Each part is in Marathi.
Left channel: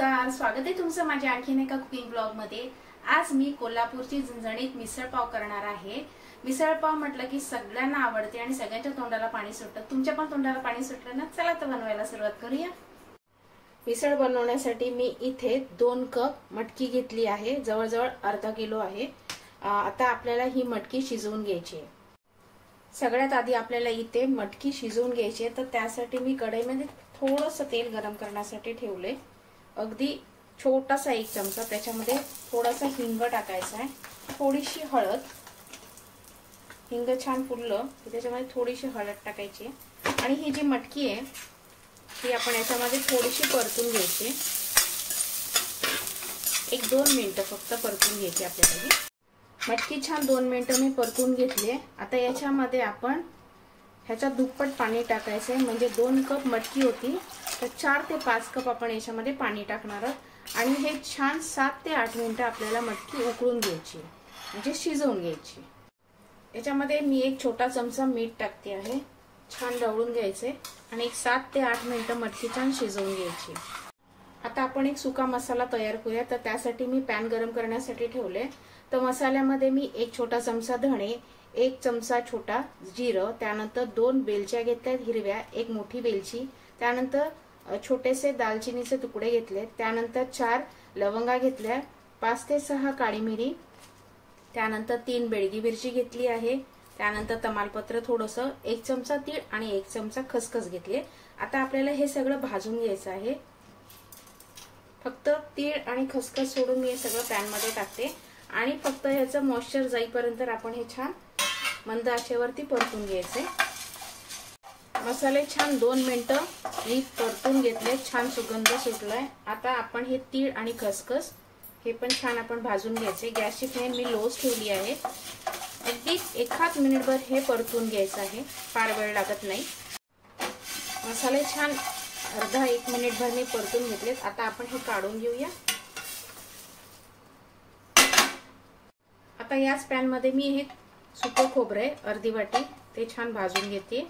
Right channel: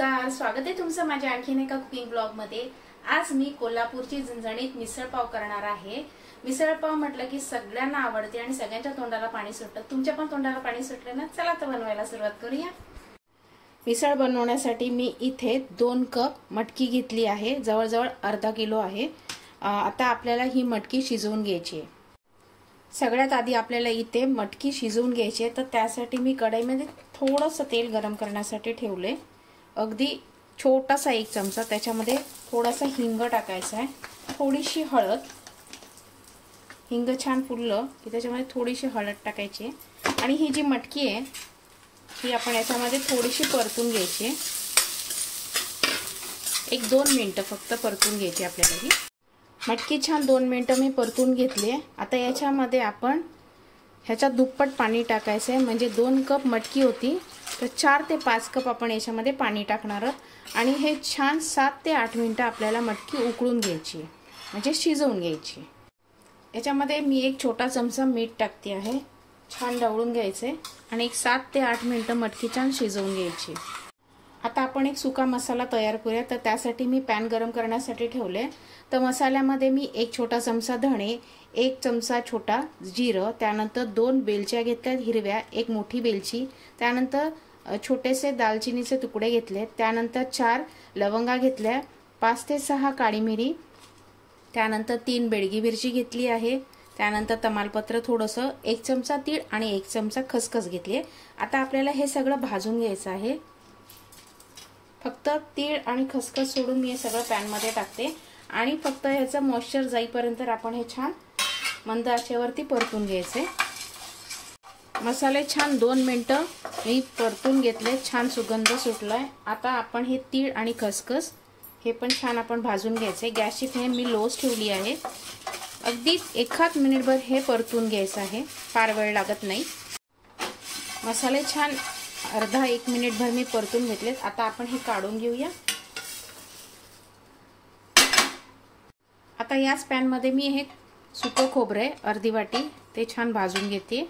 नमस्कार, स्वागत आहे तुमचं माझ्या आणखीन एका कुकिंग ब्लॉग मध्ये। आज मी कोल्हापूरची झणझणीत मिसळपाव करणार आहे। मिसळपाव म्हटलं की सगळ्यांना आवडते आणि सगळ्यांच्या तोंडाला पाणी सुटतं। तुमच्या पण तोंडाला पाणी सुटलं ना? चला तर बनवायला सुरुवात करूया। मिसळ बनवण्यासाठी मी इथे 2 कप मटकी घेतली आहे, जवळजवळ अर्धा किलो आहे। आता आपल्याला ही मटकी शिजवून घ्यायची आहे। सगळ्यात आधी आपल्याला इथे मटकी शिजवून घ्यायची आहे, तर त्यासाठी मी कढईमध्ये थोडंसं तेल गरम करण्यासाठी ठेवले। अगदी छोटासा 1 चमचा, त्याच्यामध्ये थोडासा हिंग टाकायचा आहे, थोडीशी हळद। हिंग छान फुललं की त्याच्यामध्ये थोडीशी हळद टाकायची आणि ही जी मटकी आहे ही आपण याच्यामध्ये थोडीशी परतून घ्यायची। 1-2 मिनिटं फक्त परतून घ्यायची आपल्याला। ही मटकी छान 2 मिनिटं मी परतून घेतली। आता याच्यामध्ये आपण ह्याच्या दुप्पट पाणी टाकायचं आहे, म्हणजे 2 कप मटकी होती तर 4 ते 5 कप आपण याच्यामध्ये पाणी टाकणार आहोत आणि हे छान 7 ते 8 मिनिटं आपल्याला मटकी उकळून घ्यायची, म्हणजे शिजवून घ्यायची। याच्यामध्ये मी 1 छोटा चमचा मीठ टाकते आहे, छान ढवळून घ्यायचे आणि 7 ते 8 मिनिटं मटकी छान शिजवून घ्यायची। आता आपण एक सुका मसाला तयार करूया, तर त्यासाठी मी पॅन गरम करण्यासाठी ठेवले। तर मसाल्यामध्ये मी 1 छोटा चमचा धणे, 1 चमचा छोटा जिरं, त्यानंतर 2 वेलच्या घेतल्या हिरव्या, 1 मोठी वेलची, त्यानंतर छोटेसे दालचिनीचे तुकडे घेतले, त्यानंतर 4 लवंगा घेतल्या, 5 ते 6 काळी मिरी, त्यानंतर 3 बेडगी मिरची घेतली आहे, त्यानंतर तमालपत्र थोडंसं, 1 चमचा तीळ आणि 1 चमचा खसखस घेतली। आता आपल्याला हे सगळं भाजून घ्यायचं आहे। फक्त तीळ आणि खसखस सोडून मी हे सगळं पॅन मध्ये टाकते आणि फक्त ह्याचं मॉइश्चर जाईपर्यंत आपण हे छान मंद आचेवरती परतून घ्यायचे। मसाले छान 2 मिनिटं मी परतून घेतले, छान सुगंध सुटलाय। आता आपण हे तीळ आणि खसखस हे पण छान आपण भाजून घ्यायचे। गॅसची फ्लेम मी लोच ठेवली आहे। अगदी 1 मिनिटभर हे परतून घ्यायचं आहे, फार वेळ लागत नाही। मसाले छान अर्धा 1 मिनिटभर मी परतून घेतलेत। आता आपण हे काढून घेऊया। आता याच पॅन मध्ये मी हे सुकं खोबरे अर्धी वाटी ते छान भाजून घेते।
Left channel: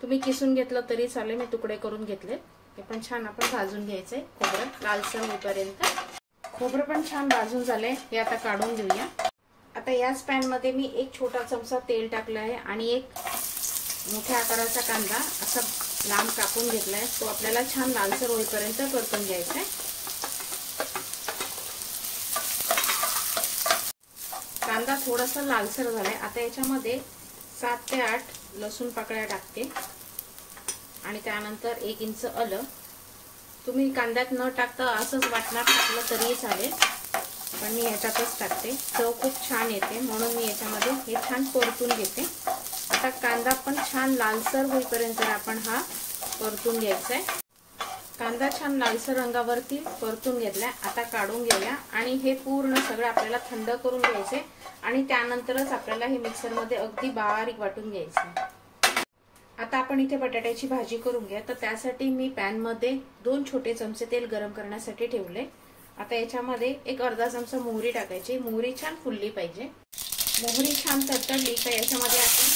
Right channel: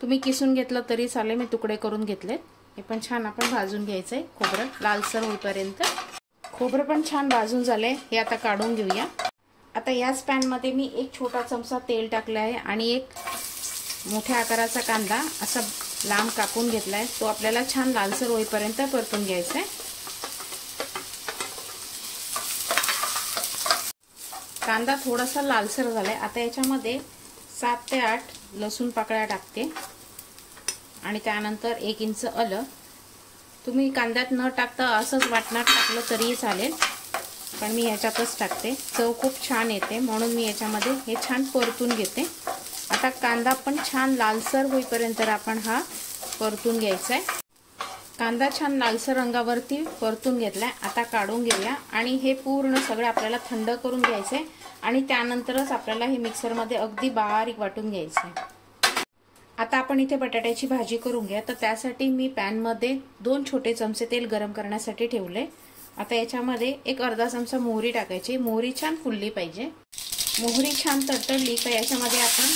तुम्ही किसून घेतलं तरी चालेल, मी तुकडे करून घेतले। हे पण छान आपण भाजून घ्यायचंय, खोबरं लालसर होईपर्यंत। खोबरं पण छान भाजून झालंय, हे आता काढून घेऊया। आता याच पॅन मध्ये मी 1 छोटा चमचा तेल टाकलं आहे आणि 1 मोठ्या आकाराचा कांदा असा लांब कापून घेतलाय, तो आपल्याला छान लालसर होईपर्यंत परतून घ्यायचा आहे। कांदा थोडासा लालसर झालाय। आता याच्यामध्ये 7 ते 8 लसूण पाकळ्या टाकते आणि त्यानंतर 1 इंच आलं। तुम्ही कांद्यात न टाकता असंच वाटणार टाकलं तरीही चालेल, पण मी ह्याच्यातच टाकते, चव खूप छान येते म्हणून मी याच्यामध्ये हे छान परतून घेते। आता कांदा पण छान लालसर होईपर्यंत आपण हा परतून घ्यायचा आहे। कांदा छान लालसर रंगावरती परतून घेतलाय, आता काढून घेऊया आणि हे पूर्ण सगळं आपल्याला थंड करून घ्यायचे आणि त्यानंतरच आपल्याला हे मिक्सर मध्ये अगदी बारीक वाटून घ्यायचे। आता आपण इथे बटाट्याची भाजी करून घ्या, तर त्यासाठी मी पॅन मध्ये 2 छोटे चमचे तेल गरम करण्यासाठी ठेवले। आता याच्यामध्ये 1 अर्धा चमचा मोहरी टाकायची, मोहरी छान फुलली पाहिजे। मोहरी छान तडतडली तर याच्यामध्ये आपण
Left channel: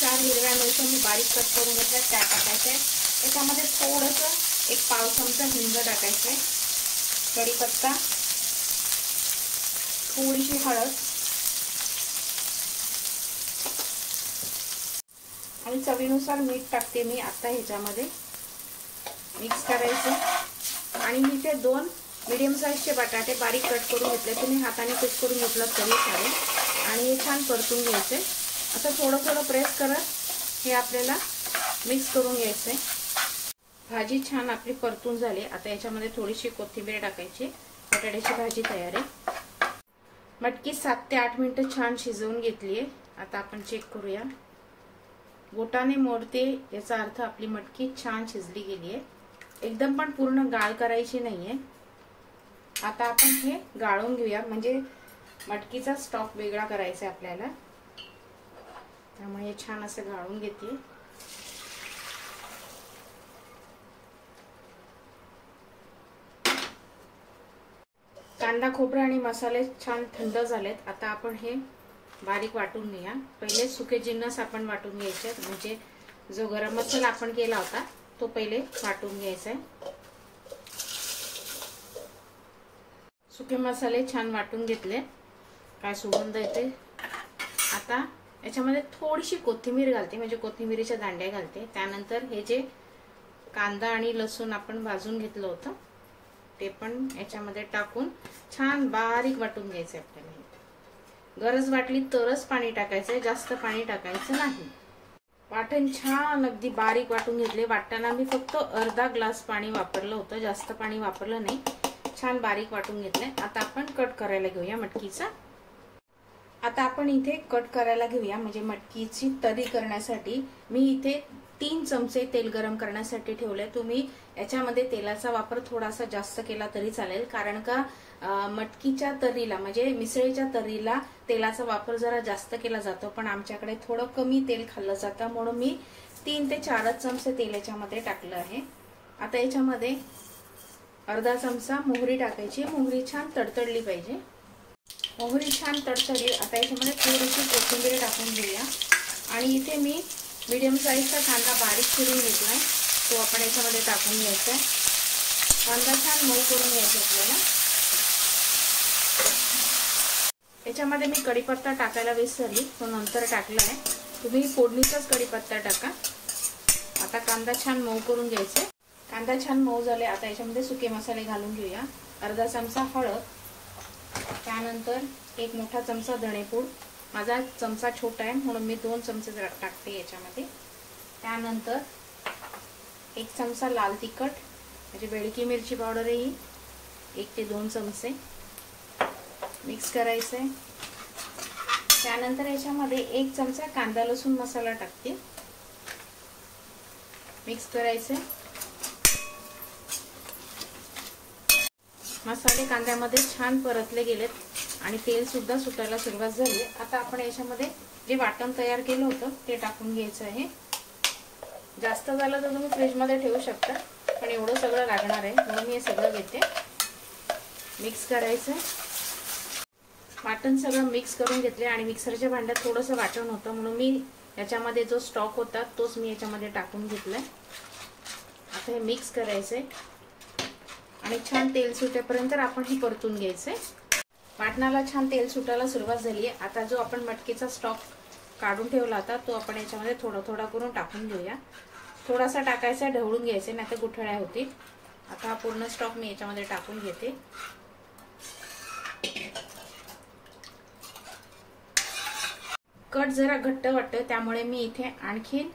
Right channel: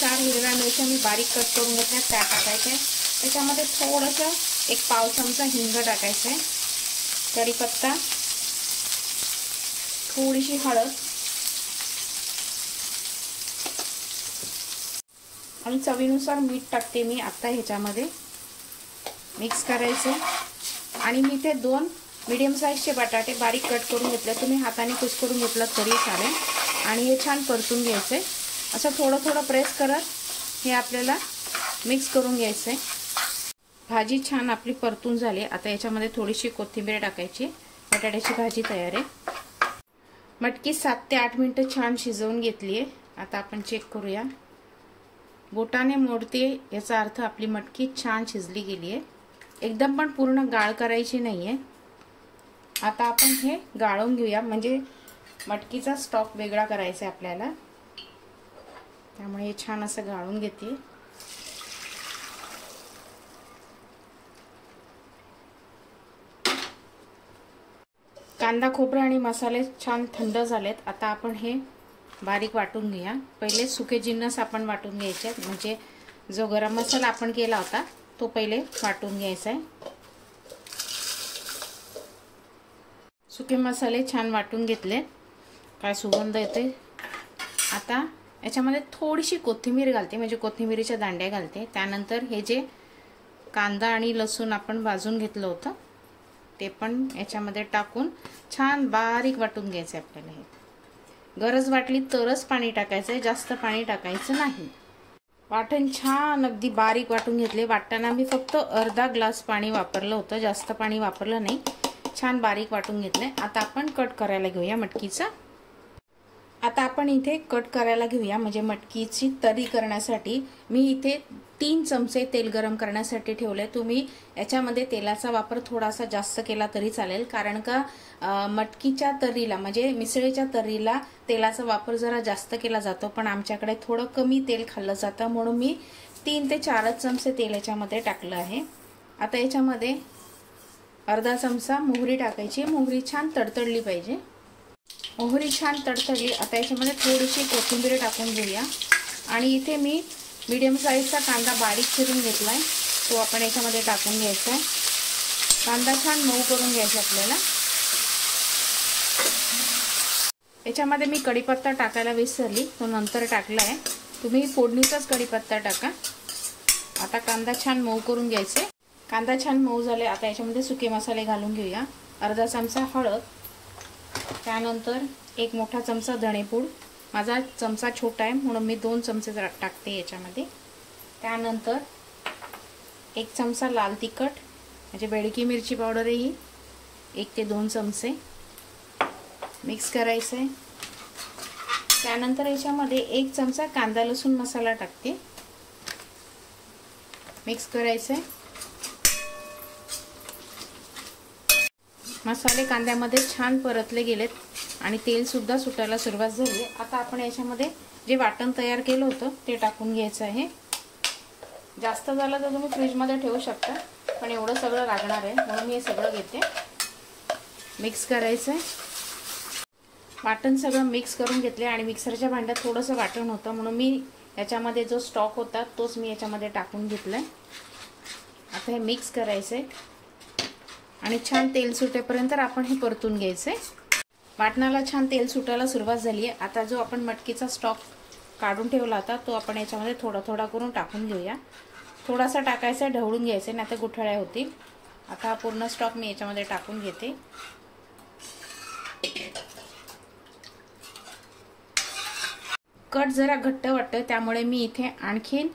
4 हिरव्या मिरच्या मी बारीक कट करून घेतल्या त्या टाकायच्या। त्याच्यामध्ये थोडंसं 1 पाव चमचा हिंग टाकायचं आहे, कढीपत्ता, थोडीशी हळद आणि चवीनुसार मीठ टाकते मी। आता ह्याच्यामध्ये मिक्स करायचं आणि मी ते 2 मीडियम साईजचे बटाटे बारीक कट करून घेतले, तुम्ही हाताने कुस्करून घेतलं तरी चालेल आणि हे छान परतून घ्यायचे। असं थोडं थोडं प्रेस करत हे आपल्याला मिक्स करून घ्यायचंय। भाजी छान आपली परतून झाली। आता याच्यामध्ये थोडीशी कोथिंबीर टाकायची, बटाट्याची भाजी तयार आहे। मटकी 7 ते 8 मिनिटं छान शिजवून घेतलीये। आता आपण चेक करूया, बोटाने मोडते याचा अर्थ आपली मटकी छान शिजली गेली आहे, एकदम पण पूर्ण गाळ करायची नाहीये। आता आपण हे गाळून घेऊया, म्हणजे मटकीचा स्टॉक वेगळा करायचा आहे आपल्याला, त्यामुळे छान असं गाळून घेते। कांदा खोबरा आणि मसाले छान थंड झालेत। आता आपण हे बारीक वाटून घेऊया। पहिले सुके जिन्नस आपण वाटून घ्यायचे, म्हणजे जो गरम मसाला आपण केला होता तो पहिले वाटून घ्यायचा आहे। सुके मसाले छान वाटून घेतले, काय सुगंध येते। आता याच्यामध्ये थोडीशी कोथिंबीर घालते, म्हणजे कोथिंबीरीच्या दांड्या घालते। त्यानंतर हे जे कांदा आणि लसूण आपण भाजून घेतलं होतं ते पण याच्यामध्ये टाकून छान बारीक वाटून घ्यायचं आपल्याला। गरज वाटली तरच पाणी टाकायचंय, जास्त पाणी टाकायचं नाही। वाटण छान अगदी बारीक वाटून घेतले। वाटताना मी फक्त अर्धा ग्लास पाणी वापरलं होतं, जास्त पाणी वापरलं नाही। छान बारीक वाटून घेतले। आता आपण कट करायला घेऊया मटकीचा। आता आपण इथे कट करायला घेऊया, म्हणजे मटकीची तरी करण्यासाठी मी इथे 3 चमचे तेल गरम करण्यासाठी ठेवले। तुम्ही याच्यामध्ये तेलाचा वापर थोडासा जास्त केला तरी चालेल, कारण का मटकीच्या तर्रीला म्हणजे मिसळीच्या तर्रीला तेलाचा वापर जरा जास्त केला जातो, पण आमच्याकडे थोडं कमी तेल खाल्लं जातं, म्हणून मी 3 ते 4 चमचे तेल याच्यामध्ये टाकलं आहे। आता याच्यामध्ये अर्धा चमचा मोहरी टाकायची। मोहरी छान तडतडली पाहिजे। मोहरी छान तडतडली। आता याच्यामध्ये थोडीशी कोथिंबीर टाकून घेऊया, आणि इथे मी मीडियम साईजचा कांदा बारीक चिरून घेतलाय, तो आपण याच्यामध्ये टाकून घ्यायचा आहे। कांदा छान मऊ करून घ्यायचा आपल्याला। याच्यामध्ये मी कढीपत्ता टाकायला विसरली, तो नंतर टाकलाय। तुम्ही फोडणीचाच कढीपत्ता टाका। आता कांदा छान मऊ करून घ्यायचे। कांदा छान मऊ झाले। आता याच्यामध्ये सुके मसाले घालून घेऊया। अर्धा चमचा हळद, त्यानंतर 1 मोठा चमचा धणेपूड। माझा चमचा छोटा आहे म्हणून मी 2 चमचे टाकते याच्यामध्ये। त्यानंतर 1 चमचा लाल तिखट, म्हणजे बेडकी मिरची पावडर आहे ही, 1 ते 2 चमचे मिक्स करायचे। त्यानंतर याच्यामध्ये 1 चमचा कांदा लसूण मसाला टाकते, मिक्स करायचे। मसाले कांद्यामध्ये छान परतले गेलेत आणि तेल सुद्धा सुटायला सुरुवात झाली। आता आपण याच्यामध्ये जे वाटण तयार केलं होतं ते टाकून घ्यायचं आहे। जास्त झालं तर तुम्ही फ्रीज मध्ये ठेवू शकता, पण एवढं सगळं लागणार आहे म्हणून मी हे सगळं घेते। मिक्स करायचंय। वाटण सगळं मिक्स करून घेतले आणि मिक्सरच्या भांड्यात थोडंसं वाटण होतं म्हणून मी याच्यामध्ये जो स्टॉक होता तोच मी याच्यामध्ये टाकून घेतलाय। आता हे मिक्स करायचंय आणि छान तेल सुटेपर्यंत आपण हे परतून घ्यायचंय। वाटणाला छान तेल सुटायला सुरुवात झाली आहे। आता जो आपण मटकीचा स्टॉक काढून ठेवला होता तो आपण याच्यामध्ये थोडा थोडा करून टाकून घेऊया। थोडासा टाकायचा, ढवळून घ्यायचे, नाही तर गुठळ्या होतील। आता हा पूर्ण स्टॉक मी याच्यामध्ये टाकून घेते। कट जरा घट्ट वाटतं त्यामुळे मी इथे आणखीन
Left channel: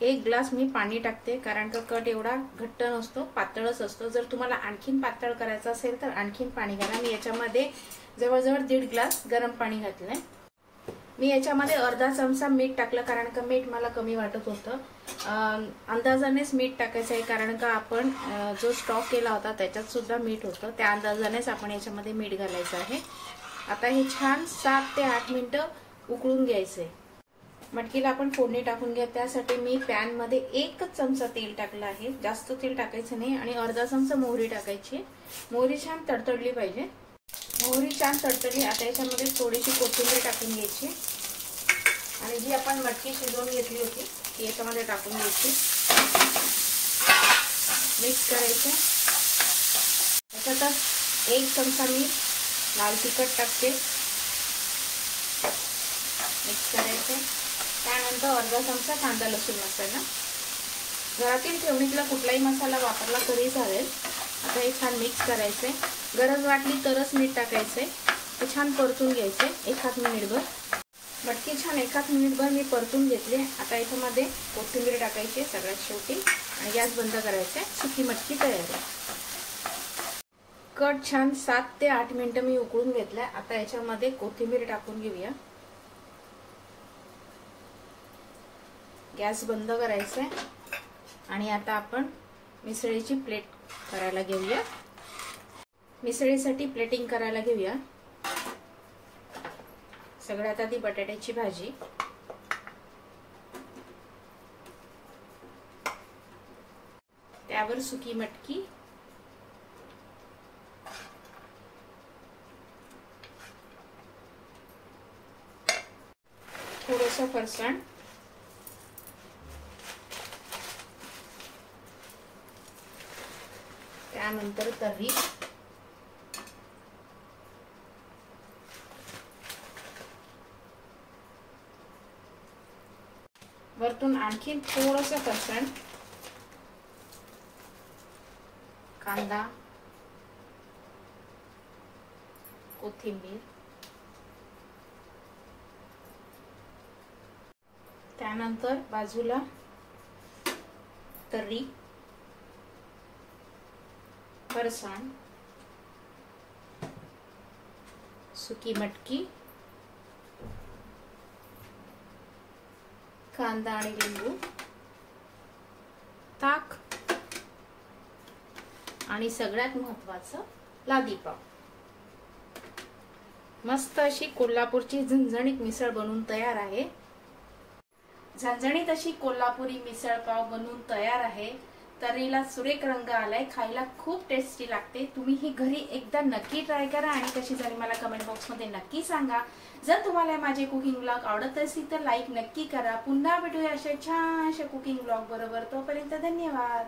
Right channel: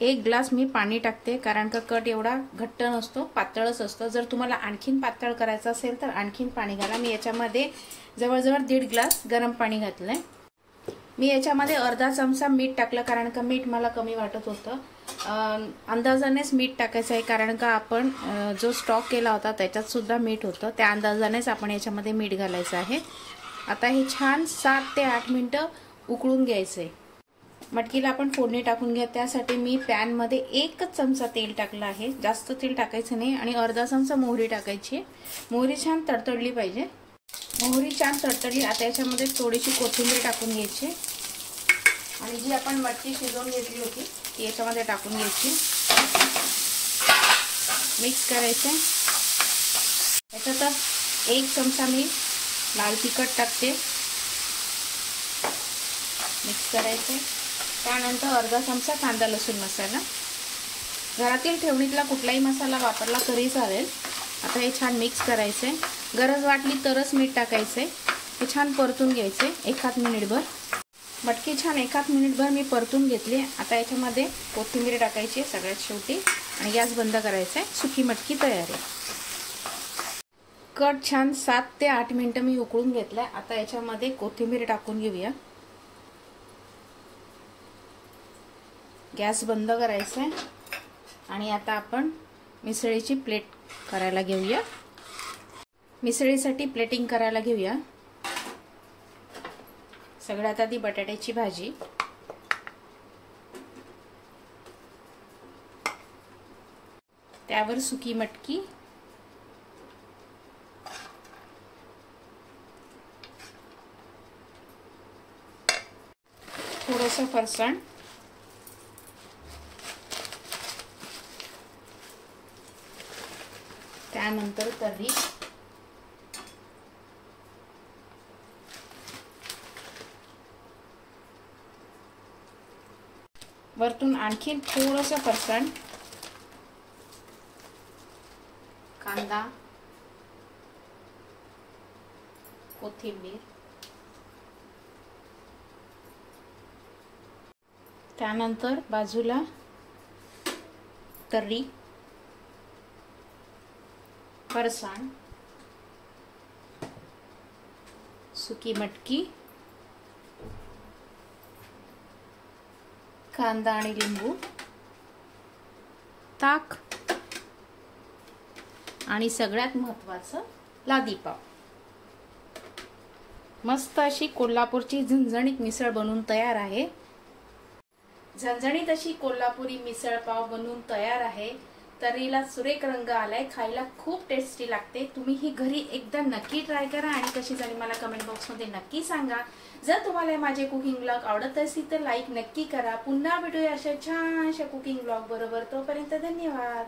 1 ग्लास मी पाणी टाकते, कारण का कट एवढा घट्ट नसतो, पातळच असतो। जर तुम्हाला आणखीन पातळ करायचं असेल तर आणखीन पाणी घाला। मी याच्यामध्ये जवळजवळ 1.5 ग्लास गरम पाणी घातलंय। मी याच्यामध्ये अर्धा चमचा मीठ टाकलं, कारण का मीठ मला कमी वाटत होतं। अंदाजानेच मीठ टाकायचं आहे, कारण का आपण जो स्टॉक केला होता त्याच्यात सुद्धा मीठ होतं, त्या अंदाजानेच आपण याच्यामध्ये मीठ घालायचं आहे। आता हे छान 7 ते 8 मिनिटं उकळून घ्यायचंय। मटकीला आपण फोडणी टाकून घ्या, त्यासाठी मी पॅन मध्ये 1 चमचा तेल टाकलं आहे, जास्त तेल टाकायचं नाही, आणि अर्धा चमचा मोहरी टाकायची। मोहरी छान तडतडली पाहिजे। मोहरी छान तडतडली। आता याच्यामध्ये थोडीशी कोथिंबीर टाकून घ्यायची आणि जी आपण मटकी शिजवून घेतली होती ती याच्यामध्ये टाकून घ्यायची। मिक्स करायचे। याच्यात 1 चमचा मी लाल तिखट टाकते, मिक्स करायचं। त्यानंतर अर्धा चमचा कांदा लसूण मसाला, घरातील ठेवणीतला कुठलाही मसाला वापरला तरी चालेल। आता हे छान मिक्स करायचंय। गरज वाटली तरच मीठ टाकायचंय। हे छान परतून घ्यायचंय 1 मिनिटभर। मटकी छान 1 मिनिटभर मी परतून घेतली। आता याच्यामध्ये कोथिंबीर टाकायची सगळ्यात शेवटी आणि गॅस बंद करायचा। सुकी मटकी तयार आहे। कट छान 7 ते 8 मिनिटं मी उकळून घेतलंय। आता याच्यामध्ये कोथिंबीर टाकून घेऊया। गॅस बंद करायचा आहे आणि आता आपण मिसळीची प्लेट करायला घेऊया। मिसळीसाठी प्लेटिंग करायला घेऊया। सगळ्यात आधी बटाट्याची भाजी, त्यावर सुकी मटकी, थोडंसं फरसाण, त्यानंतर तर्री, वरतून आणखीन थोडंसं फरसाण, कांदा, कोथिंबीर, त्यानंतर बाजूला तर्री, फरसाण, सुकी मटकी, कांदा आणि लिंबू, ताक आणि सगळ्यात महत्त्वाचं लादी पाव. मस्त अशी कोल्हापूरची झणझणीत मिसळ बनवून तयार आहे. झणझणीत अशी कोल्हापुरी मिसळ पाव बनवून तयार आहे. तर्रीला सुरेख रंग आलाय, खायला खूप टेस्टी लागते. तुम्ही ही घरी एकदा नक्की ट्राय करा आणि कशी झाली मला कमेंट बॉक्स मध्ये नक्की सांगा. जर तुम्हाला माझे कुकिंग ब्लॉग आवडत असतील तर लाईक नक्की करा. पुन्हा भेटूया अशा छानशा कुकिंग ब्लॉग बरोबर. तोपर्यंत धन्यवाद.